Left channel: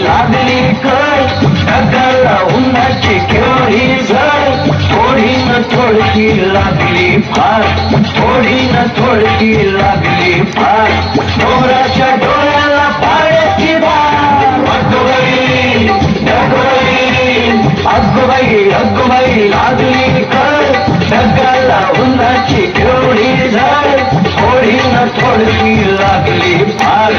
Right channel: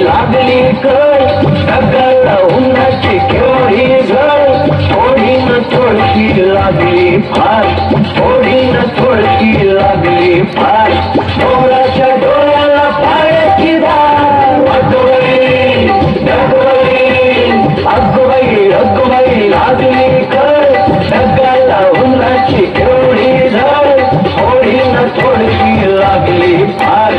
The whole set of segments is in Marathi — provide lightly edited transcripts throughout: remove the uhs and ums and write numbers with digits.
लागली काय ढगाला उन्हाची केवढी झळ थोडी न थोडकी लागली फार थोडी न थोडकी लागली फार डोळ्याच्या डोळ्याला पाण्याची धार अगबाई अगबाई लागली काय ढगाला उन्हाची केवढी झळ थोडी न थोडकी लागली फार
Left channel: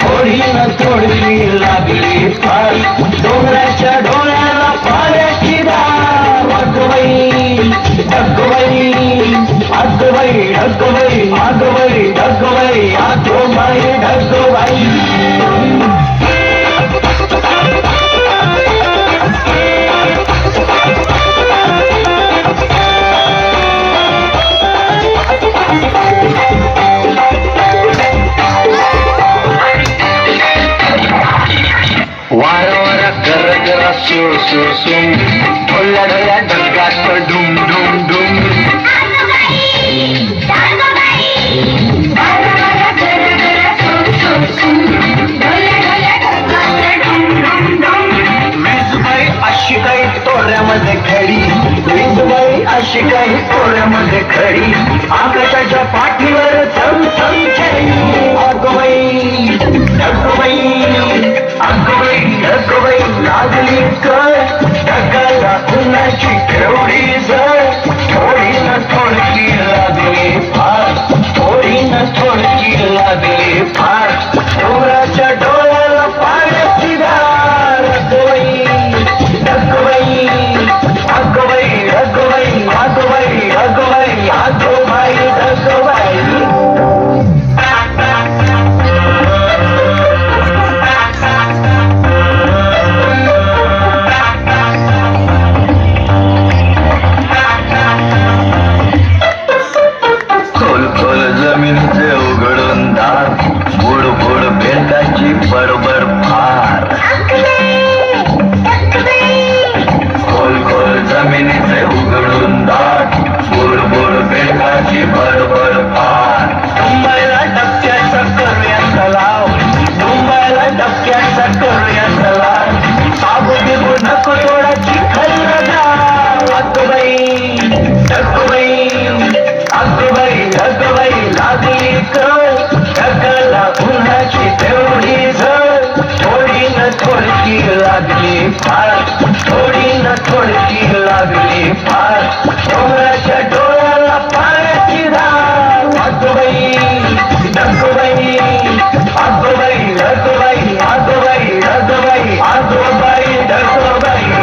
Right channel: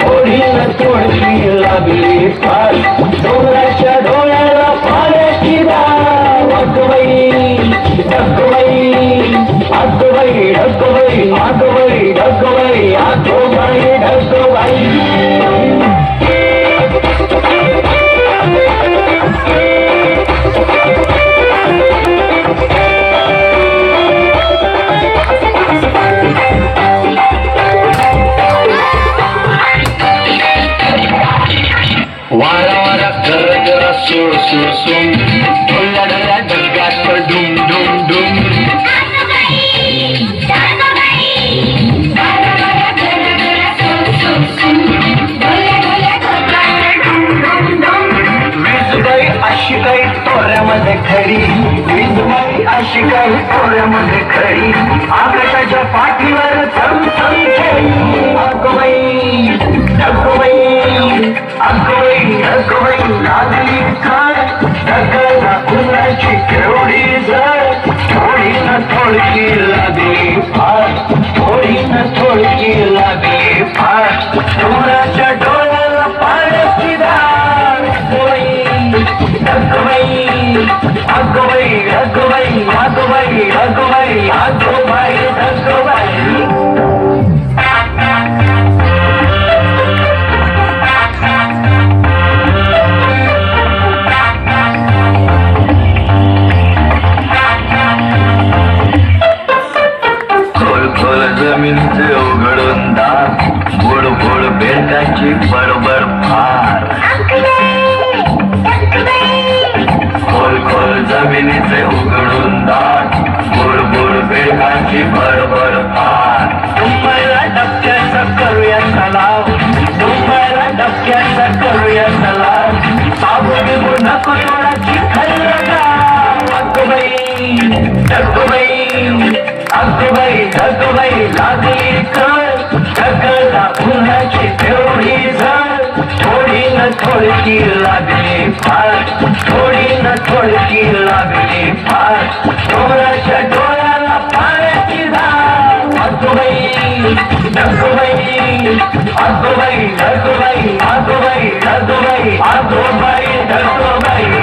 थोडी न थोडकी लागली फार डोळ्याच्या डोळ्याला पाण्याची धार अगबाई अगबाई अगबाई अगबाई अगबाई अगबाई अगबाई अगबाई वारा वारा कर जरा सो सो सो ढोल्या ढोल्या ढगात डुम डुम डुम वीजबाई अशी काही तोऱ्यामध्ये खडी वीजबाई अशी काही तोऱ्यामध्ये खडी आकाशाच्या पाठीवर चम चम खेळी अगबाई अगबाई अगबाई लागली काय ढगाला उन्हाची केवढी झळ थोडी न थोडकी लागली फार थोडी न थोडकी लागली फार डोळ्याच्या डोळ्याला पाण्याची धार अगबाई अगबाई अगबाई अगबाई अगबाई अगबाई अगबाई अगबाई जमिनीचे उघडून दार बुड बुड बेटाची बडबड फार खोल खोल जमिनीचे उघडून दार बुड बुड बेटाची बडबड फार मुंबईला डबक्याचा करूया तलाव मुंबईला डबक्याचा करूया तलाव बाबू नको थोडाची खल्ला गाव अगबाई अगबाई अगबाई अगबाई लागली काय ढगाला उन्हाची तेवढी झळ थोडी न थोडकी लागली फार थोडी न थोडकी लागली फार डोळ्याच्या डोळ्याला पाण्याची धार अगबाई अगबाई अगबाई अगबाई अगबाई अगबाई अगबाई अगबाई